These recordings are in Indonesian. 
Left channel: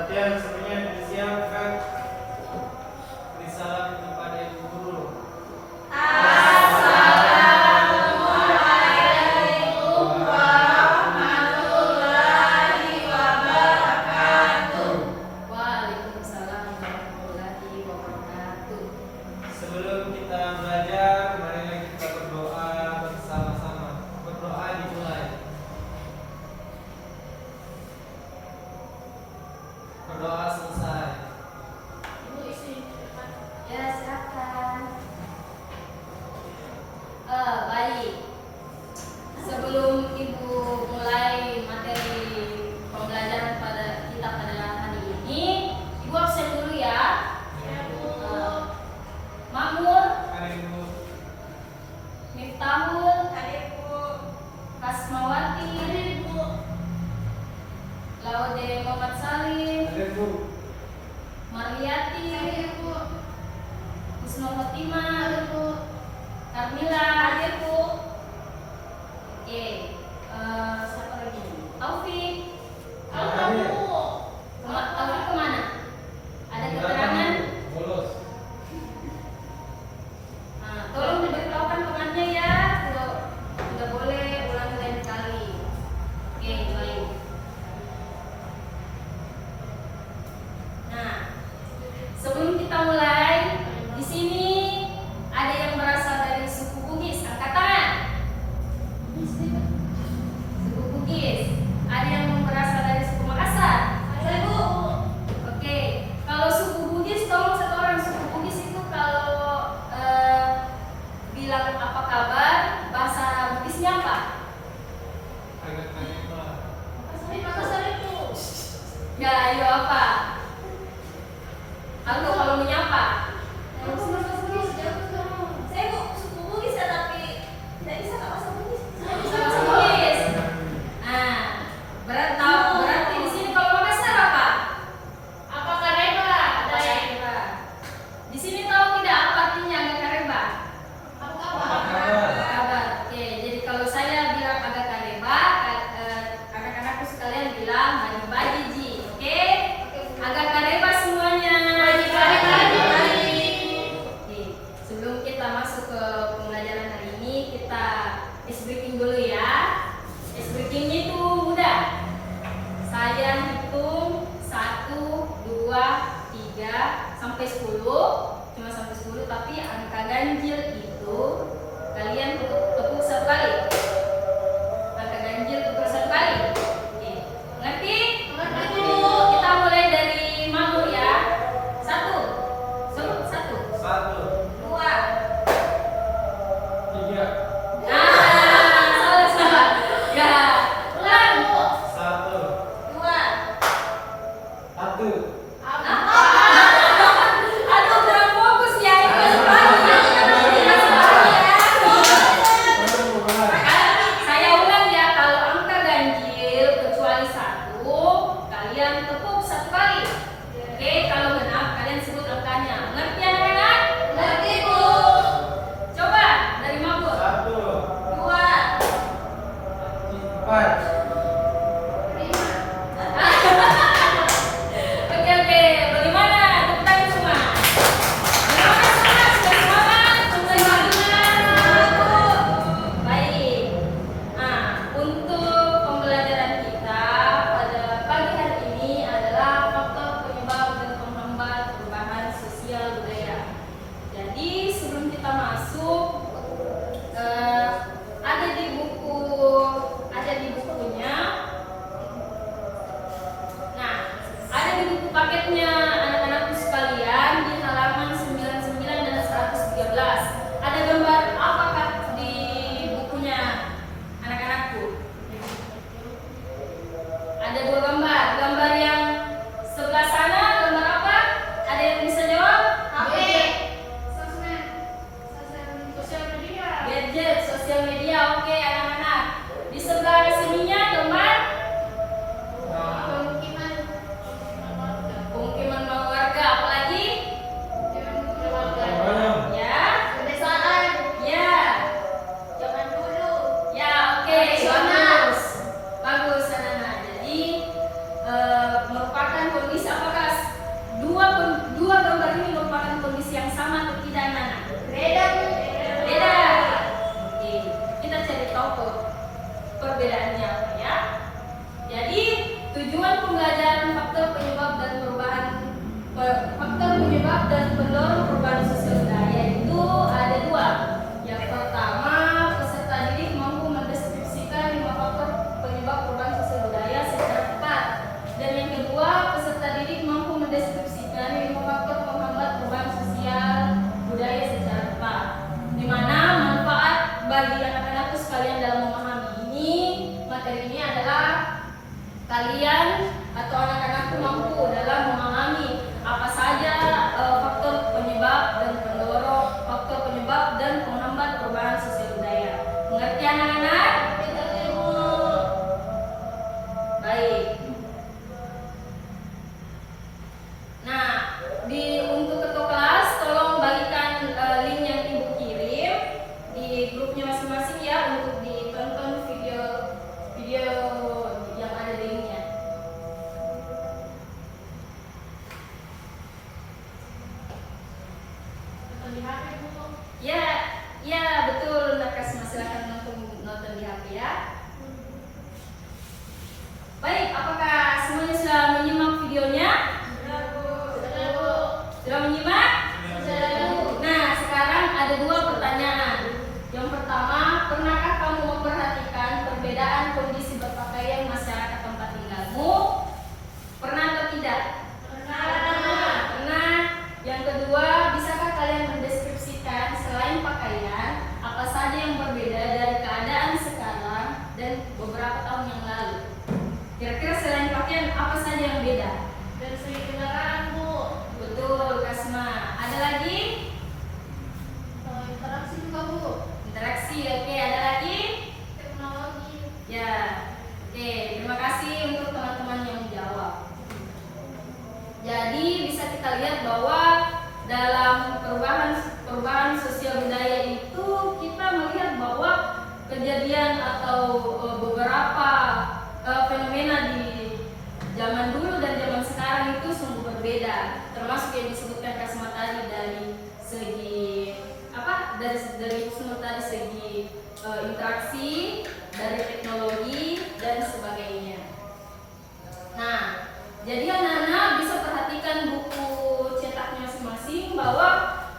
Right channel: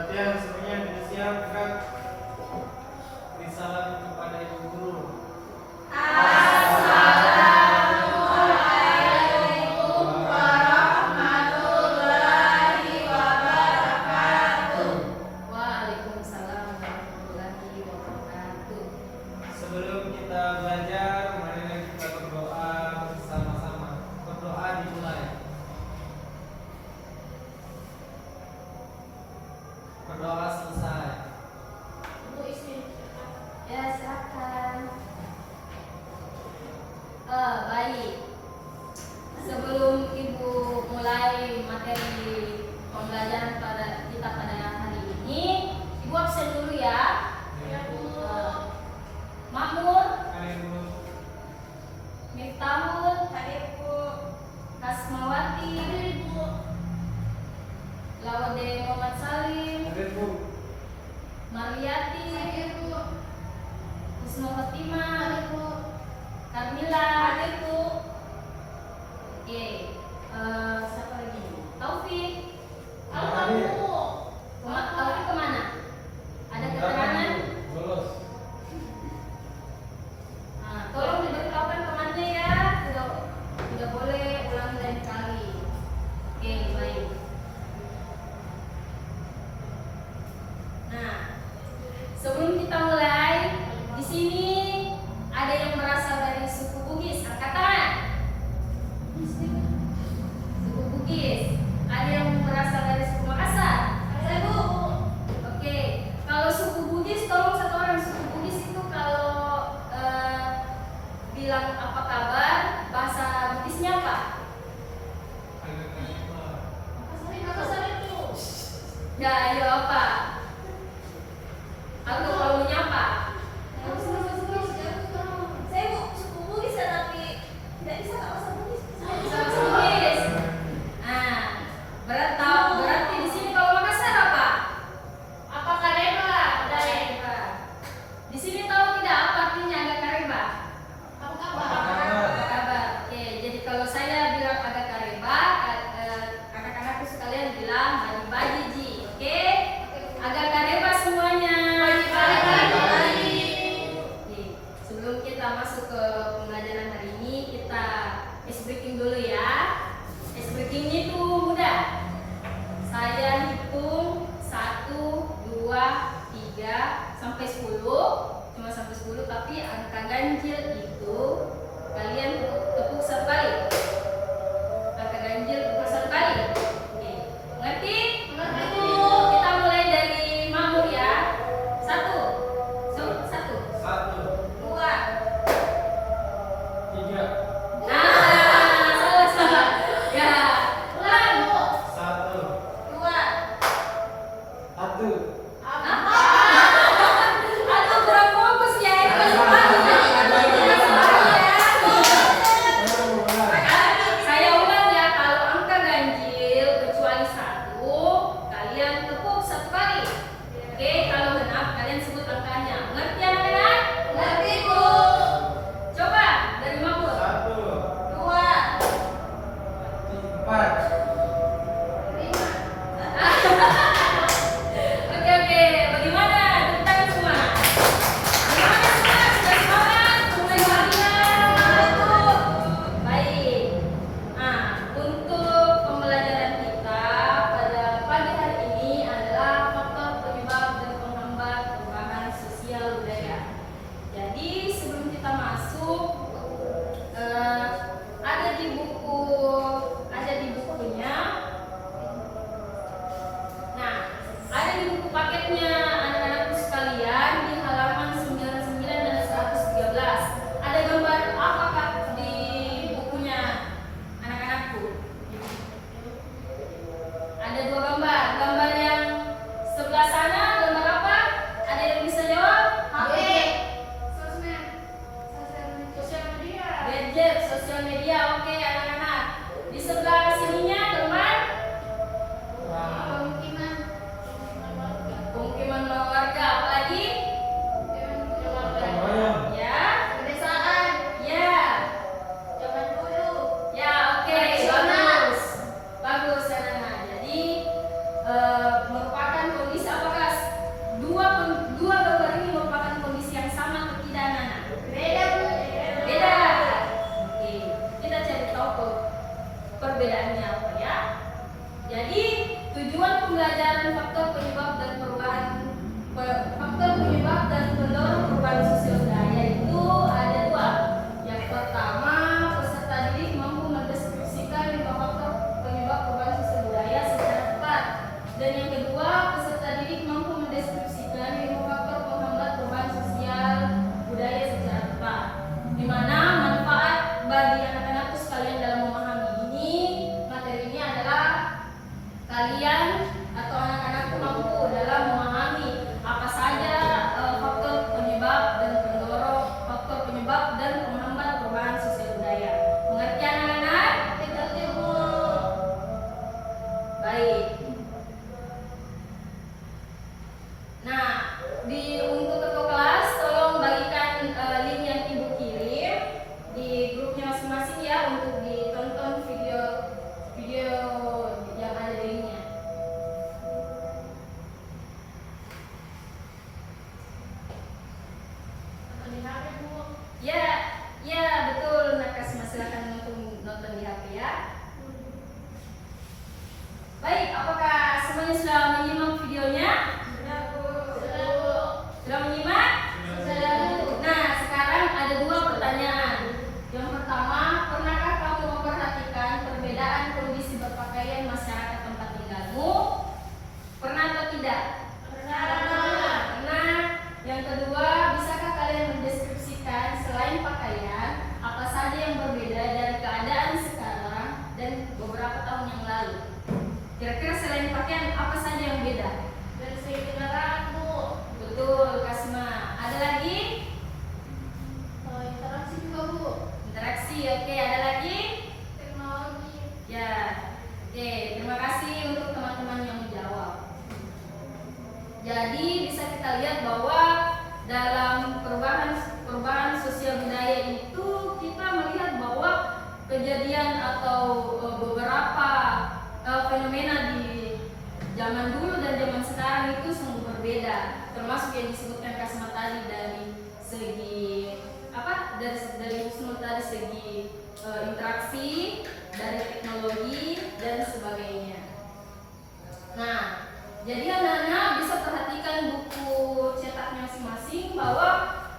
Perhatian semuanya disiapkan. Beri salam kepada ibu guru. Assalamualaikum warahmatullahi wabarakatuh. Waalaikumsalam warahmatullahi wabarakatuh. Sebelum kita belajar, marilah kita berdoa bersama-sama. Berdoa dimulai. Berdoa selesai. Ya, silakan. Baik. Sebelum Ibu mulai materi pembelajaran kita pada hari ini, Ibu absen dulu ya. Makmur, Ibu. Miftahul, Hasmawati, Laude Muhammad Salim, Ibu. Marliati, Husnul Khotimah, Kamila, hadir Bu. Oke, siapa lagi? Taufik. Taufik kemana? Ada keterangan? Bolos. Nah, tolong diberitahukan temannya ya. Tidak boleh ulangi lain kali. Oke, baik. Nah, sebelum kita mulai, di sini ada yang berasal dari suku Bugis. Angkat tangan. Suku Bugis. Ada yang berasal dari suku Makassar. Ada Bu. Oke, kalau suku Bugis, tolong satu orang suku Bugis itu kalau bilang apa kabar, bahasa Bugisnya apa? Agak tanya Pak. Ya, ayo apa? Aku kalau menyapa. Saya suku Bugis ya, tapi tidak bisa bahasa Bugis. Bisa bahasa Bugis. Nah, berarti di sini kalau Makassar apa? Apa kareba? Kareba. Di sini tahu tidak apa artinya agak kareba? Kabar. Oke, jadi kalau saya bilang agak kareba, anak-anakku sekalian bilang bagi-bagi ji. Oke? Agak kareba semuanya. Bagi-bagi. Oke, sebelum kita masuk ke pembelajaran hari ini, kita ice breaking dulu ya. Ice breaking itu mudah. Saya hitung 1, 2, 3 sampai 10. Cuma sampai 10, tapi angka ganjil itu kalian tepuk satu kali. Angka ganjil tepuk satu kali. Oke, ngerti? Ngerti. Kita mulai dari Mamur ya. 1, 1, 1, 2. 3, Salah. Ya, ulang. 1, 2. 1. Aduh, kurang fokus ya. Itu masih pagi ya. Saya ulang ya, kalau angka ganjil kecuali 1, kalian tepuk satu kali. Oke, kalau genap kalian sebut angkanya. Ngerti anak-anak? Ngerti Bu. Coba dari Mabur. 1, 2. 4. Oke, bagaimana? Tepuk tangan semua. Bagaimana semua? Sudah semangat? Mulai semangat? Baik. Nah, untuk pembelajaran kita pada pagi hari ini adalah faktor penyebab dan penghambat perubahan sosial budaya. Jadi sebelum kita masuk, ada di bukunya. Nah, ada di buku paketnya anak-anakku sekalian di halaman 99 dan 113. Ada gambar apakah di bukunya anak-anakku? Ada 2 gambar. Gambar yang sebelah sana gambar apa? Ada yang bisa jawab? HP. Gadget, sosial media. Oke, anak-anak. Di sebelah sininya gambar pemukiman perbedaannya apa ya. Jadi tujuan pembelajaran faktor penyebab dan pendorong perubahan sosial budaya itu ada dua. Yang pertama, peserta didik mampu mendeskripsikan 5 faktor penyebab perubahan sosial budaya secara tepat. Dan yang kedua, peserta didik mampu mendeskripsikan 5 faktor penghambat perubahan sosial budaya secara tepat. Di mana manfaat bagi anak-anakku sekalian dalam memahami materi ini adalah kalian atau anak-anakku mampu dalam memahami apa saja faktor penyebab dan penghambat perubahan sosial budaya. Mengerti anak-anak? Baik. Nah, untuk ketua kelas tolong bagikan link yang ibu kirim di grupnya masing-masing ya, untuk ditonton video yang ada linknya. Ya betul, Nakasma, silakan nonton di HP ya. Baik, apakah semuanya sudah menyimak videonya? Sudah menyimak? Nah, sekarang ada 2 pertanyaan. Yang pertama, pernahkah kamu memperhatikan perbedaan kondisi berpakaian masyarakat tempat tinggalmu? Pernah atau tidak? Pernah. Yang kedua, bisakah kalian mendeskripsikan selain pakaian, apa saja yang berbeda dari keadaan sekarang dan beberapa tahun yang lalu? Kira-kira selain pakaian, apa saja yang beda? Dari segi kendaraan, Bu. Betul, Kasma. Ada lagi? Interaksi juga, Bu. Interaksi, oke. Ada lagi? Teknologi. Ya, oke. Terima kasih untuk teman-teman yang menjawab. Jadi bisa kita lihat bahwa dalam perubahan sosial budaya itu kita melihat bahwa kejadian atau beberapa fenomena di zaman dulu dan zaman sekarang itu sungguh berbeda, termasuk yang disebutkan Kasma tadi dari segi dari Husnul tadi, segi interaksi, dari teknologi dan sebagainya. Nah, jadi anak-anak bisa perhatikan buku cetaknya masing-masing bahwa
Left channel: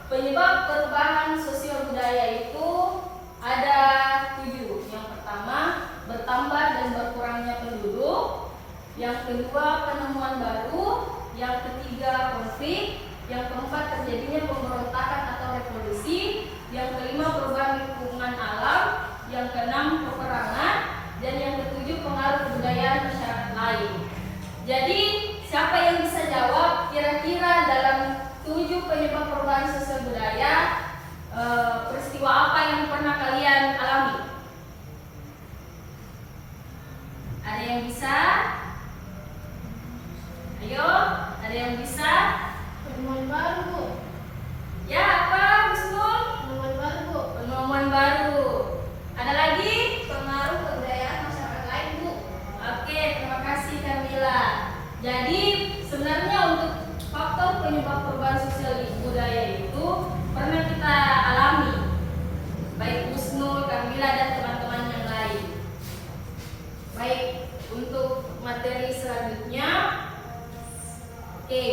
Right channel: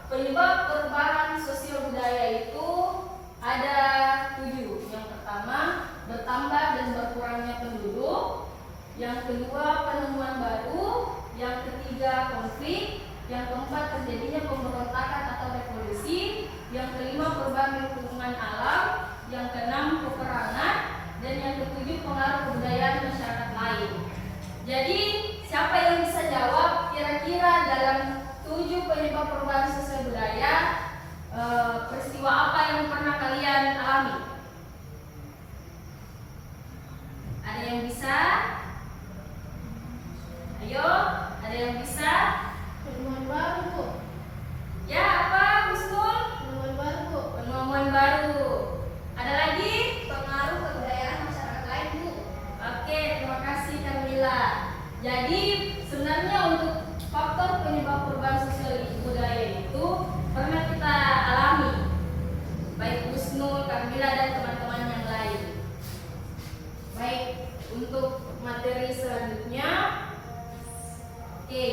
penyebab perubahan sosial budaya itu ada 7. Yang pertama, bertambah dan berkurangnya penduduk. Yang kedua, penemuan baru. Yang ketiga, konflik. Yang keempat, terjadinya pemberontakan atau revolusi. Yang kelima, perubahan lingkungan alam. Yang keenam, peperangan. Dan yang ketujuh, pengaruh kebudayaan masyarakat lain. Jadi, siapa yang bisa jawab kira-kira dalam 7 penyebab perubahan sosial budaya, peristiwa apa yang pernah kalian alami? Ada yang bisa? Ayo, ada yang bisa? Penemuan baru, Bu. Ya, apa, Husnul? Penemuan baru, Bu. Penemuan baru. Ada lagi? Pengaruh kebudayaan masyarakat lain, Bu. Oke, terima kasih Kamila. Jadi sebenarnya untuk faktor penyebab perubahan sosial budaya itu pernah kita alami, baik Husnul, Kamila dan teman-teman yang lain. Baik, untuk materi selanjutnya, oke,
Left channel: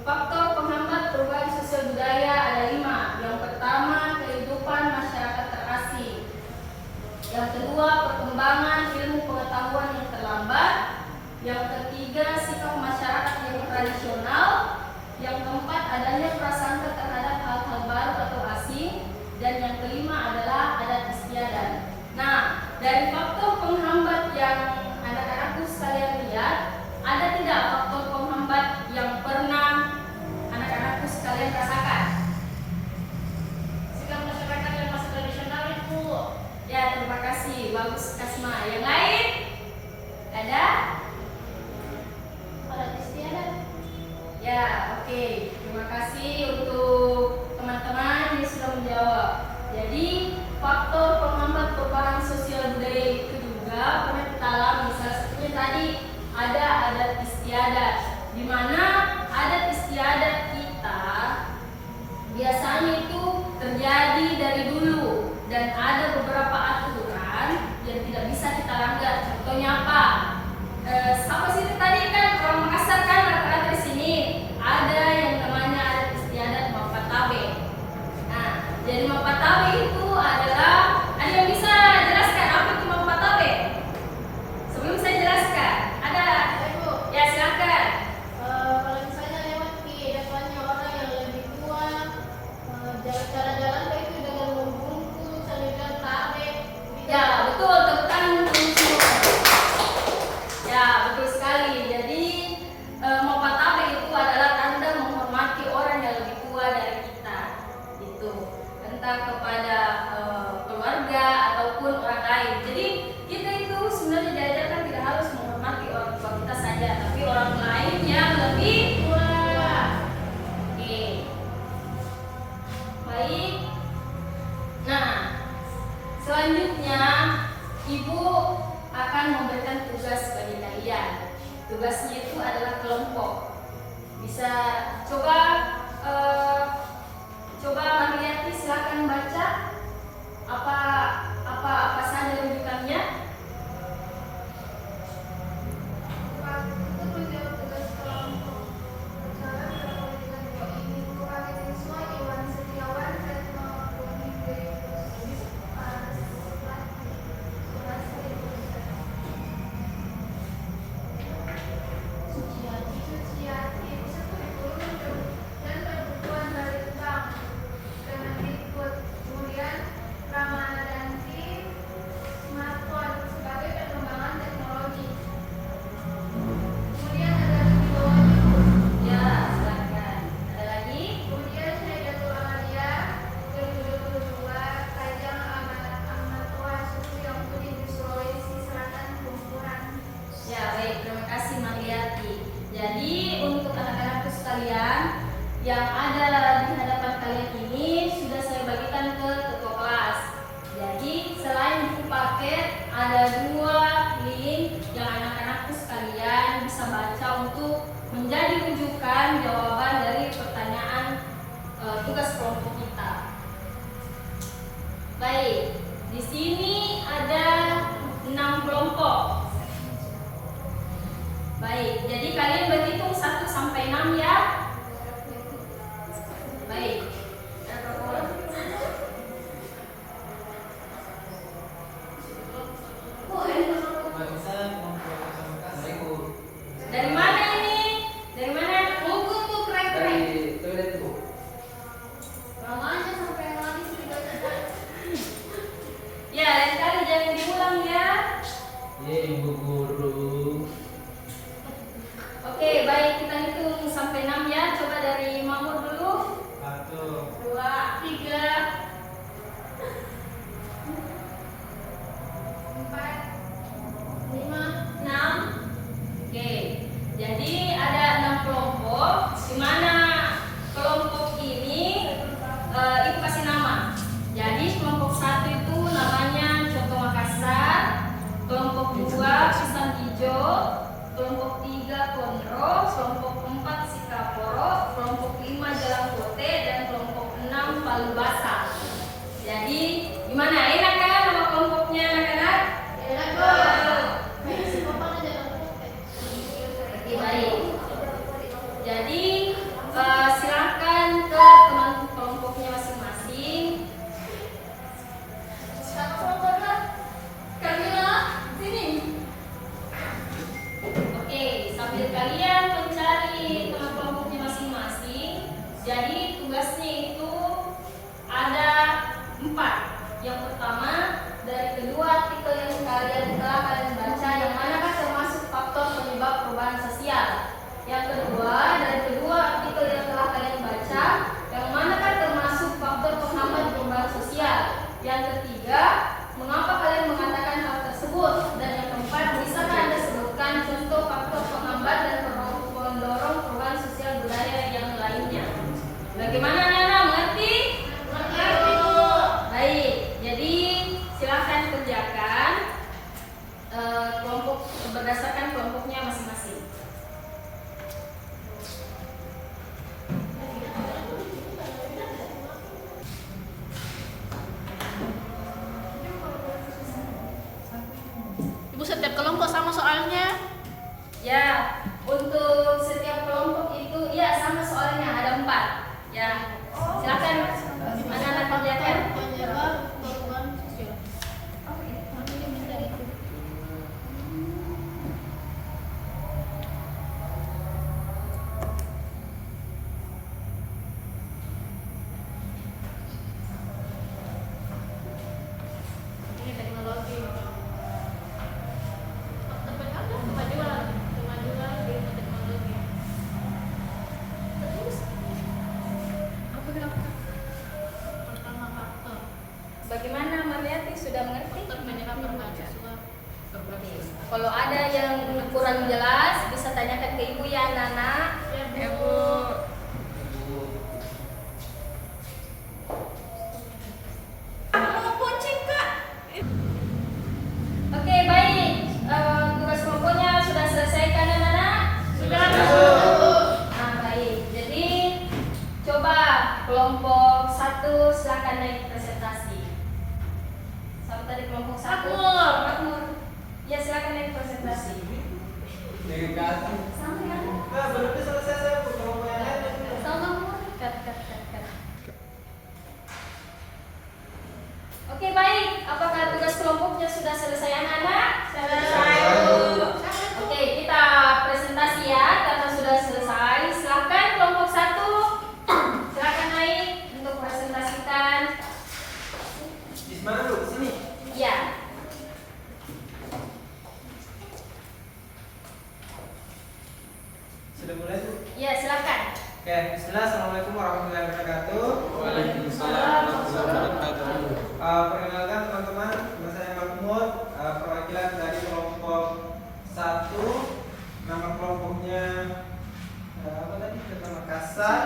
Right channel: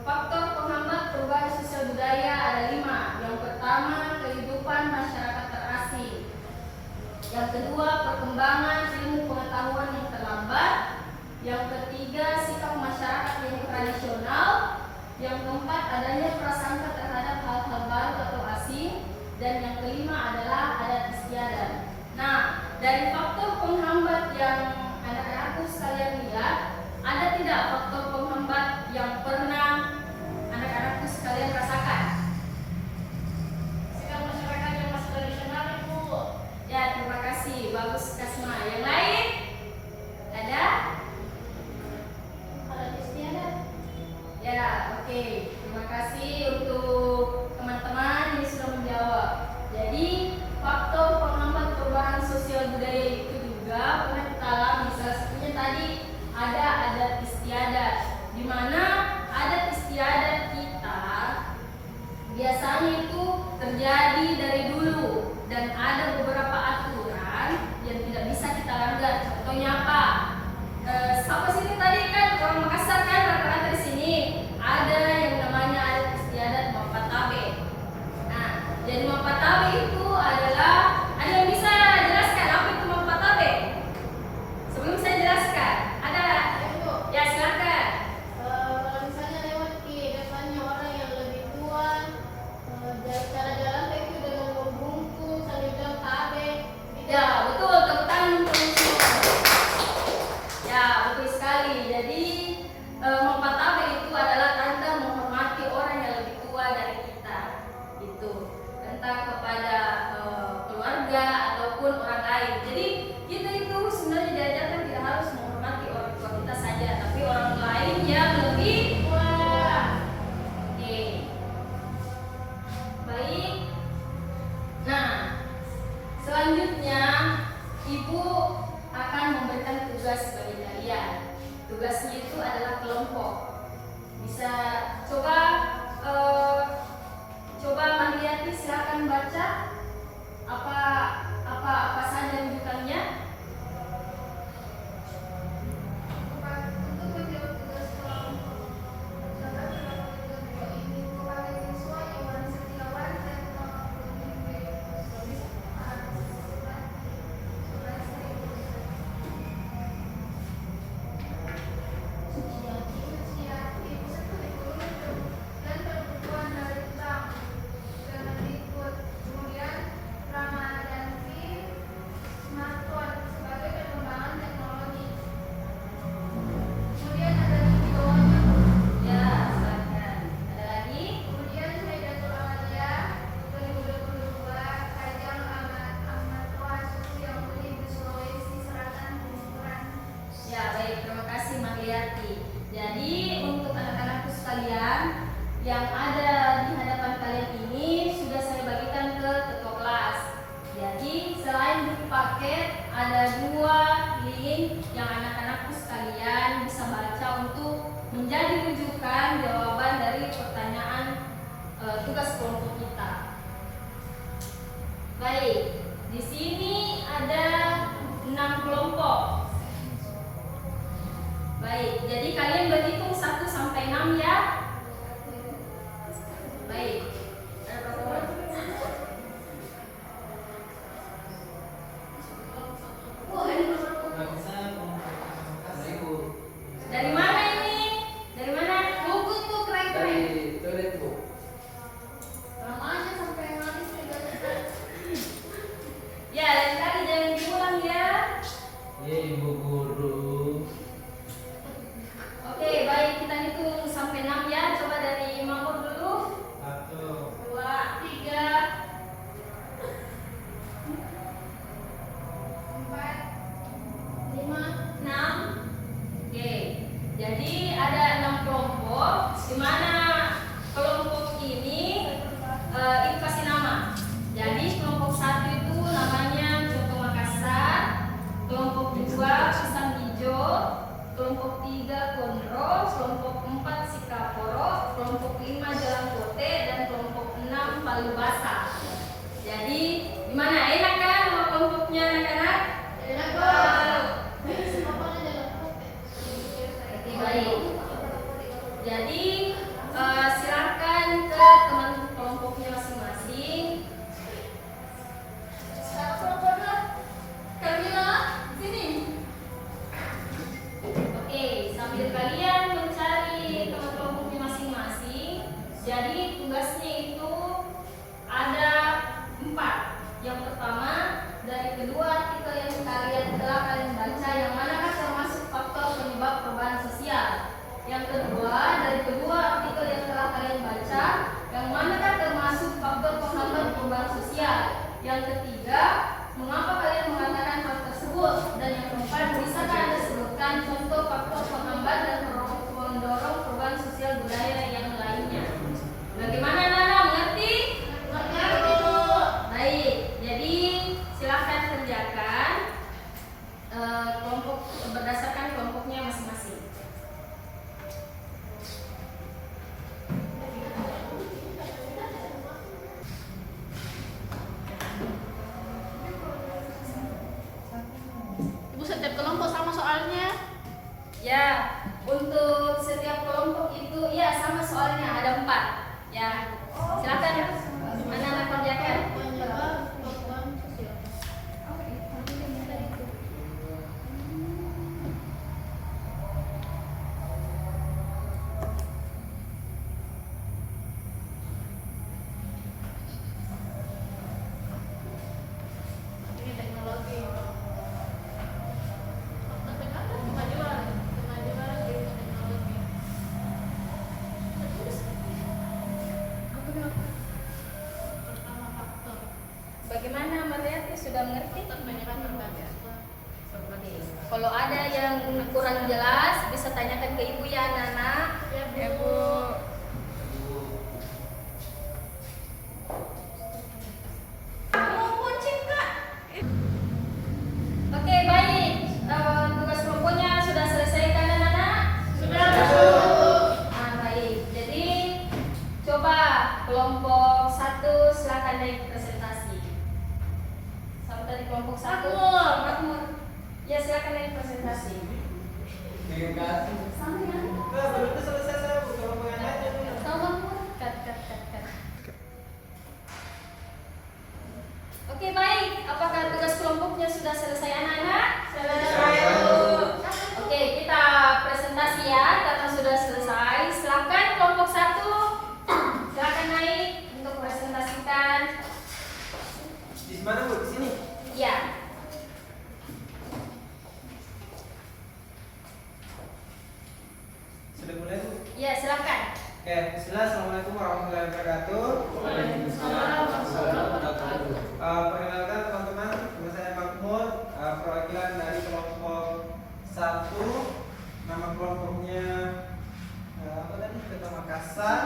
faktor penghambat perubahan sosial budaya ada 5. Yang pertama, kehidupan masyarakat terasing. Yang kedua, perkembangan ilmu pengetahuan yang terlambat. Yang ketiga, sikap masyarakat yang tradisional. Yang keempat, adanya prasangka terhadap hal-hal baru atau asing. Dan yang kelima adalah adat istiadat. Nah, dari faktor penghambat yang anak-anakku sekalian lihat, ada tidak faktor penghambat yang pernah anak-anakku sekalian rasakan? Sikap masyarakat yang masih tradisional, Bu. Ya, terima kasih. Bagus, Kasma. Yang lain? Ada? Adat istiadat. Ya, oke. Terima kasih untuk teman-teman yang sudah menjawab. Jadi, faktor penghambat perubahan sosial budaya itu juga pernah kita alami. Salah satunya tadi ada adat istiadat, di mana adat istiadat kita biasanya itu terjadi dari dulu dan ada beberapa aturan yang tidak bisa kita langgar Contohnya apa? Siapa sih tadi kan orang Makassar kan rata-rata di sini ada yang namanya adat istiadat Mapatabe. Nah, jadi Mapatabe itu adalah, ada yang bisa jelaskan apa itu Mapatabe? Sebelum saya jelaskan, ada? Ibu, Ya silakan. kalau misalnya lewat di depannya orang yang lebih tua, jalan-jalan kayak itu dengan membungkuk, saling bilang tabe. Ya betul, tepuk tangan untuk semua. Ya betul sekali. Jadi Mapatabe itu adalah tanda menghormati orang yang lebih tua dari kita. Itu entah kepada keluarga ataupun orang lain. Jadi kita itu sebenarnya diajarkan tidak harus menghormati orang tua kita saja, tapi orang lain yang lebih tua. Oke. Baik. Nah, selanjutnya Ibu akan memberikan tugas bagi kalian. Tugasnya itu adalah kelompok. Bisa coba Marliati silakan baca apa saja rujukannya. Untuk menjawab tugas kelompok berjalan dalam kelompok ini kepada siswa Iwan Setiawan dan kemudian Ramadanti smartphone sebagai perkembangan teknologi. Kemudian ada Widodo. Ya, silakan. Ada lagi? Kemudian Haidatul Aulia 2022 Kajang Amatwa Susi Yang di Sulawesi Selatan Kumpulan. Ya, baik. Terima kasih Marliati. Jadi untuk anak-anakku sekalian yang ada di hadapan kalian ini sudah saya bagikan ke ketua kelas. Jadi selain buku paket ada 2 link yang anak-anakku sekalian bisa baca untuk menjadi rujukan jawaban dari pertanyaan tugas kelompok kita. Baik, di sini ada 6 kelompok. Baik, jadi kalian berhitung 1 sampai 6 ya. Baik. Ada berapa orang? Bangsa kelompok Makassar. Dari mana ini? Dari mana? Buku tuh keren-keren. Dari toilet bu. Namanya sampai habis juga tidak. Ya, lain kali jangan diulang ya. Iya ibu guru. Oke, baik, kita hitung sampai 6 ya. Coba dari Mahmud dulu. 1, 2, 3, 4, 5, 6. Oke. Jadi ada 6 kelompok di mana kelompok ini Ibu kasih nama. Jadi kelompok 1 itu namanya Coto Makassar, kelompok 2 Pisang Hijau, kelompok 3 Konro, kelompok 4 Sikaporo, kelompok 5 Jalangkote, dan kelompok 6 Palu Basah. Jadi gimana? Enak kan nama kelompoknya anak-anak? enak banget. Semua pada dalam pocket. Oke, baik. Jadi silakan ke teman kelompoknya masing-masing. Siapa kelompoknya? Kamila, sini. Oke, sambil kalian mencari teman kelompoknya masing-masing. Jadi tugasnya itu ada 4. Yang pertama dari kedua artikel yang telah kalian baca, yang manakah termasuk faktor penyebab perubahan sosial. Yang kedua dari kedua Kalau ada yang kurang jelas bisa tanyakan ke ibu ya anak-anak. Ya, Bu. Oke, baik. Tugas kelompoknya sudah selesai kan anak-anak? Sudah, Ya, Bu. Nah, baik. Jadi coba kelompok 1 silakan naik presentasi. Sampai tadi kelompok 1. Makmur. Makmur. Ya, silakan naik presentasi. Terima kasih. Sampai kan? Nah, belum selesai saya Bu. Kalau mau yang lain itu. Tahu Makmur? Cut. Oke, baik. Apakah tugas kelompoknya sudah selesai anak-anak? Selesai, Bu. Oke, kita presentasi ya karena sudah selesai. Silakan kelompok 1. Silakan naik untuk presentasikan. Di mana Bu? Di sini. Ya. Sudah mulai Bu? Ya, silakan. Oke, bismillah. Assalamualaikum warahmatullahi wabarakatuh. Waalaikumsalam warahmatullahi wabarakatuh. Perkenalkan teman-teman, nama saya Makmur, perwakilan dari kelompok 1. Nama kelompoknya apa tadi? Kota Makassar.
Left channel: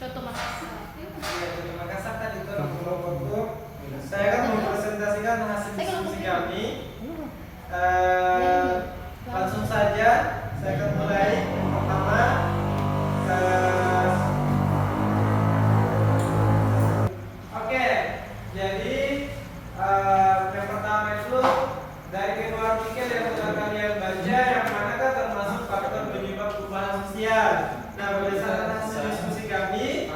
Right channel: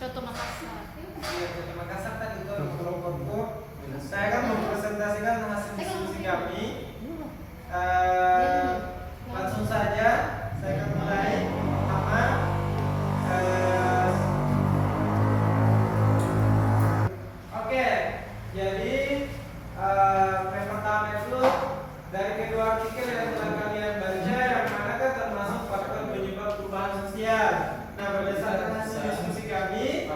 Contoh Makassar. Ya, Kota Makassar tadi itu nama kelompokku. Saya akan mempresentasikan hasil diskusi kami. Langsung saja, saya akan mulai. Yang pertama, oke, jadi yang pertama itu dari kedua artikel yang telah kalian baca, yang manakah termasuk faktor penyebab perubahan sosial. Nah, berdasarkan hasil diskusi kami,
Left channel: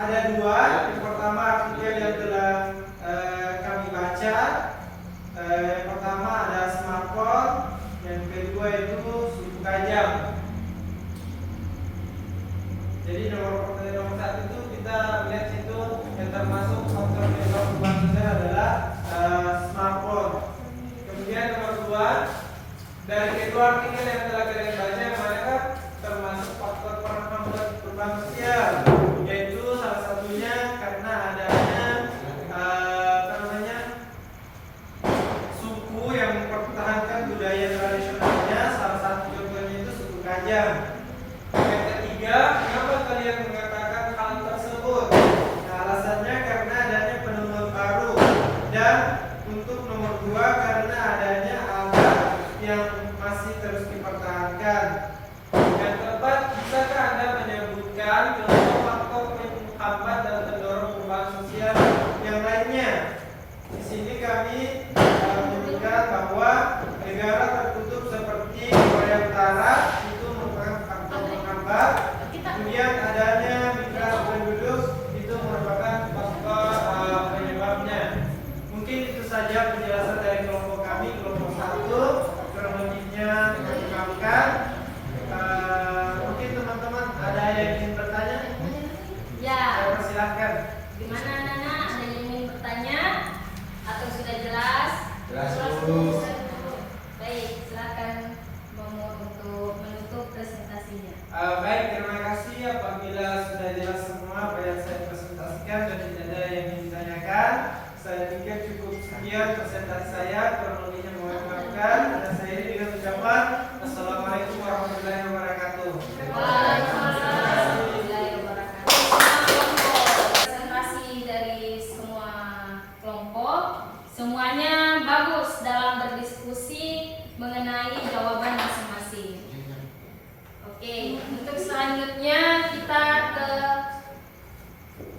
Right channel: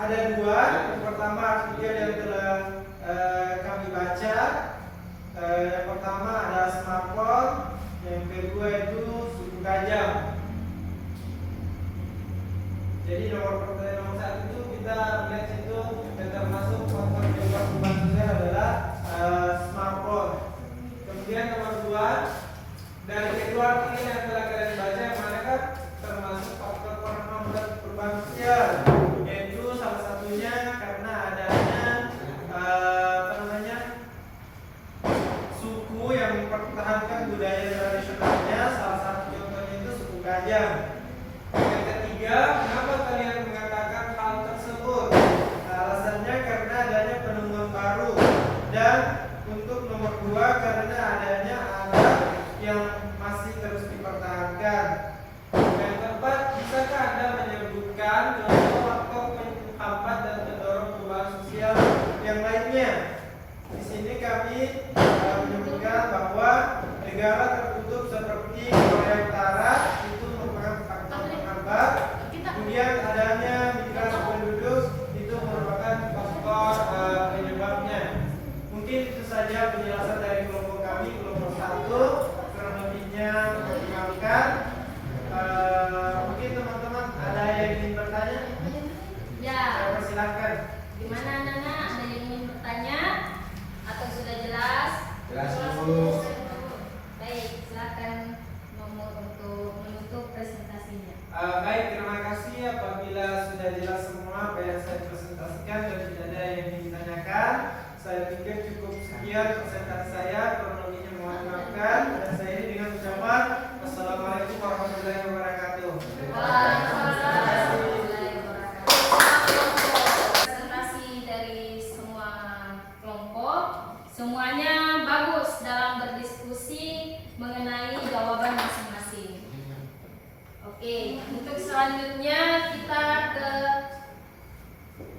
ada 2. Yang pertama artikel yang telah kami baca. Yang pertama ada smartphone, yang kedua itu suku kajang. Jadi nomor 1 itu kita lihat itu yang termasuk faktor penyebab perubahan sosial adalah smartphone. Kemudian nomor 2, dari kedua artikel yang telah kalian baca, yang manakah termasuk faktor penghambat perubahan sosial, yaitu salah satunya karena adanya suku yang mempertahankan budaya tradisionalnya. Salah satu contohnya itu suku kajang. Yang ketiga, kenapa kalian mengatakan hal tersebut? Nah, alasannya karena adanya penemuan baru. Dan untuk nomor 2, karena adanya adat yang masih terus dipertahankan. Yang keempat, bisakah Anda menyebutkan contoh faktor penghambat dan pendorong perubahan sosial yang lainnya? Di sini kami menyebutkan bahwa negara tertutup seperti Korea Utara itu merupakan faktor penghambat. Kemudian adanya migrasi penduduk itu merupakan faktor penyebabnya. Mungkin itu saja penjelasan dari kelompok kami, kelompok 1. Kurang lebihnya kami kembalikan. Mungkin teman-teman ada yang ingin bertanya? Ya. Saya persilahkan. Gimana anak-anak? Ada yang ingin bertanya? Atau sudah jelas? Jelas, Bu. Baik, silakan nomor untuk menutup presentasinya. Baik, terima kasih. Apabila sudah jelas semua apa yang saya presentasikan dan tidak ada yang ditanyakan, saya pikir cukup sekian presentasi saya. Kurang lebihnya mohon maafkan. Dan saya dengan ucapan Assalamualaikum warahmatullahi wabarakatuh. Waalaikumsalam warahmatullahi wabarakatuh. Presentasi dari semua kelompok, semuanya bagus dalam berdiskusi mengenai jawaban masing-masing. Oke, untuk selanjutnya kita ke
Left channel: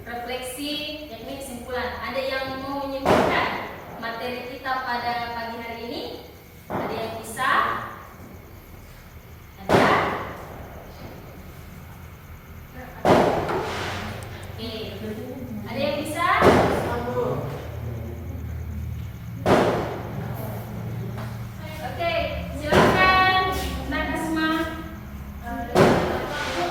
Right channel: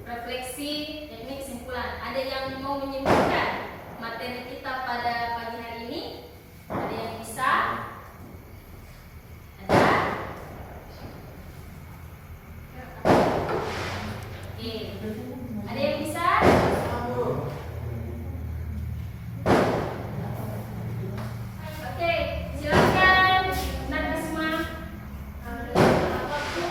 refleksi teknik kesimpulan. Ada yang mau menyimpulkan materi kita pada pagi hari ini? Ada yang bisa? Ada? Oke, ada yang bisa? Oke, silakan Nakasma.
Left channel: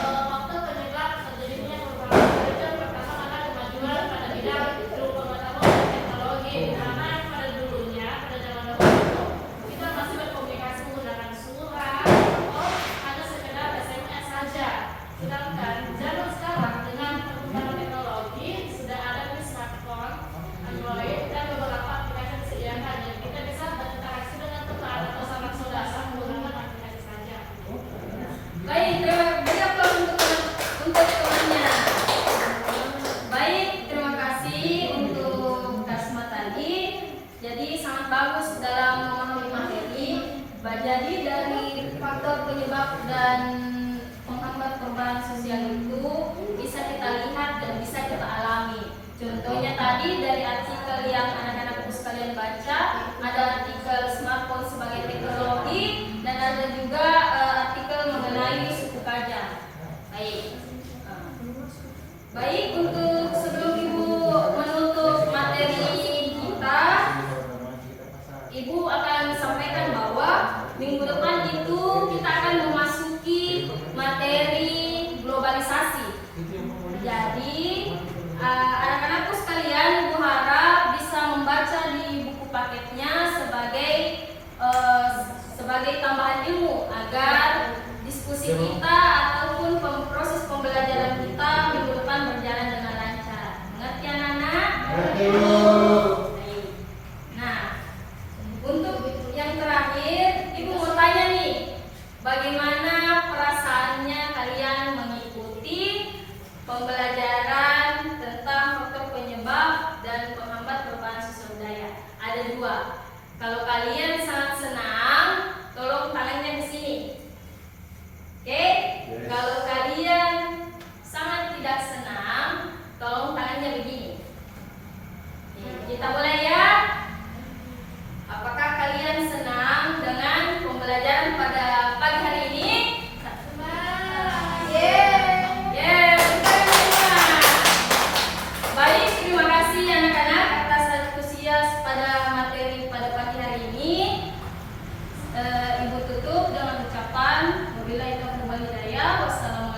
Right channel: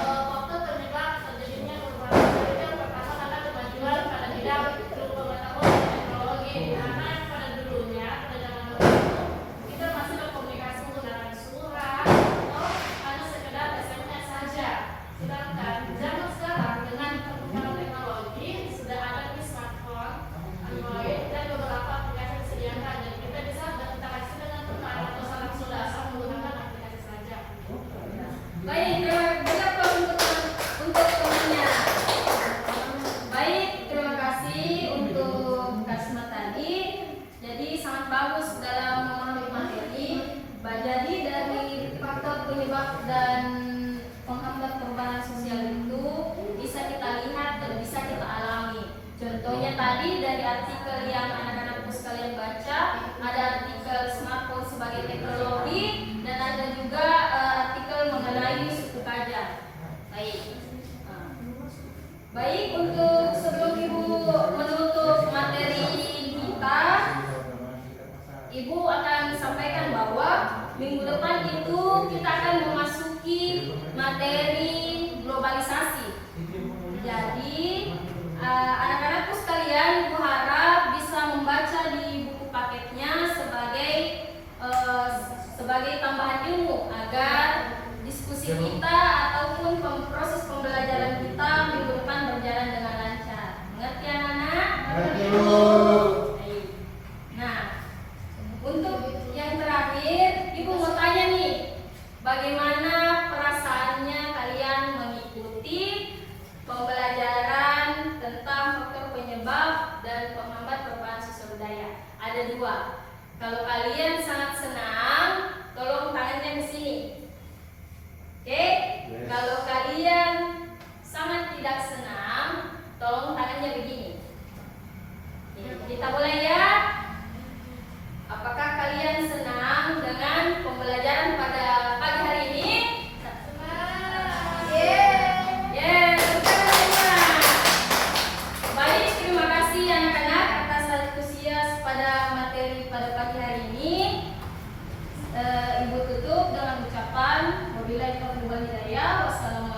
Faktor penyebab terjadinya perubahan itu pertama karena kemajuan pada bidang ilmu pengetahuan dan teknologi, di mana pada dulunya pada zaman dahulu kita masih berkomunikasi menggunakan surat atau hanya sekedar SMS saja. Sedangkan zaman sekarang dengan perkembangan teknologi Jadi dari faktor penyebab dan penghambat perubahan sosial itu bisa kita lihat dan bisa kita alami. Contohnya tadi dari artikel yang anak-anakku sekalian baca, ada artikel smartphone sebagai teknologi dan ada juga artikel mengenai suku Kajang. Baik. Baik, untuk sebelum Ibu menutup materi kita, Ibu akan sampaikan bahwa minggu depan itu kita akan memasuki materi globalisasi. Jadi anak-anakku sekalian, Ibu harap bisa membaca di buku paketnya sebagai tambahan ilmu agar diskusi kita ataupun proses pembelajaran kita minggu depan berjalan dengan lancar. Mengerti anak-anak? Mengerti, Bu. Baik. Nah, untuk yang terakhir, Ibu mau tanya nih, bagaimana perasaannya kalian mengikuti pembelajaran tentang faktor penyebab dan penghambat perubahan sosial budaya? Ada dua. Kalau kalian sangat senang, tolong tangannya ke sini. Oke? Yes. Kalau kalian sangat tidak senang, tolong tangannya begini. Kita mulai ya. Apakah kalian senang dengan pembelajaran pada pagi hari ini? Baik, terima kasih anak-anak atas antusias pada materi pada pagi hari ini. Ibu tutup dengan ucapan wabillahi taufiq wal hidayah. Wassalamualaikum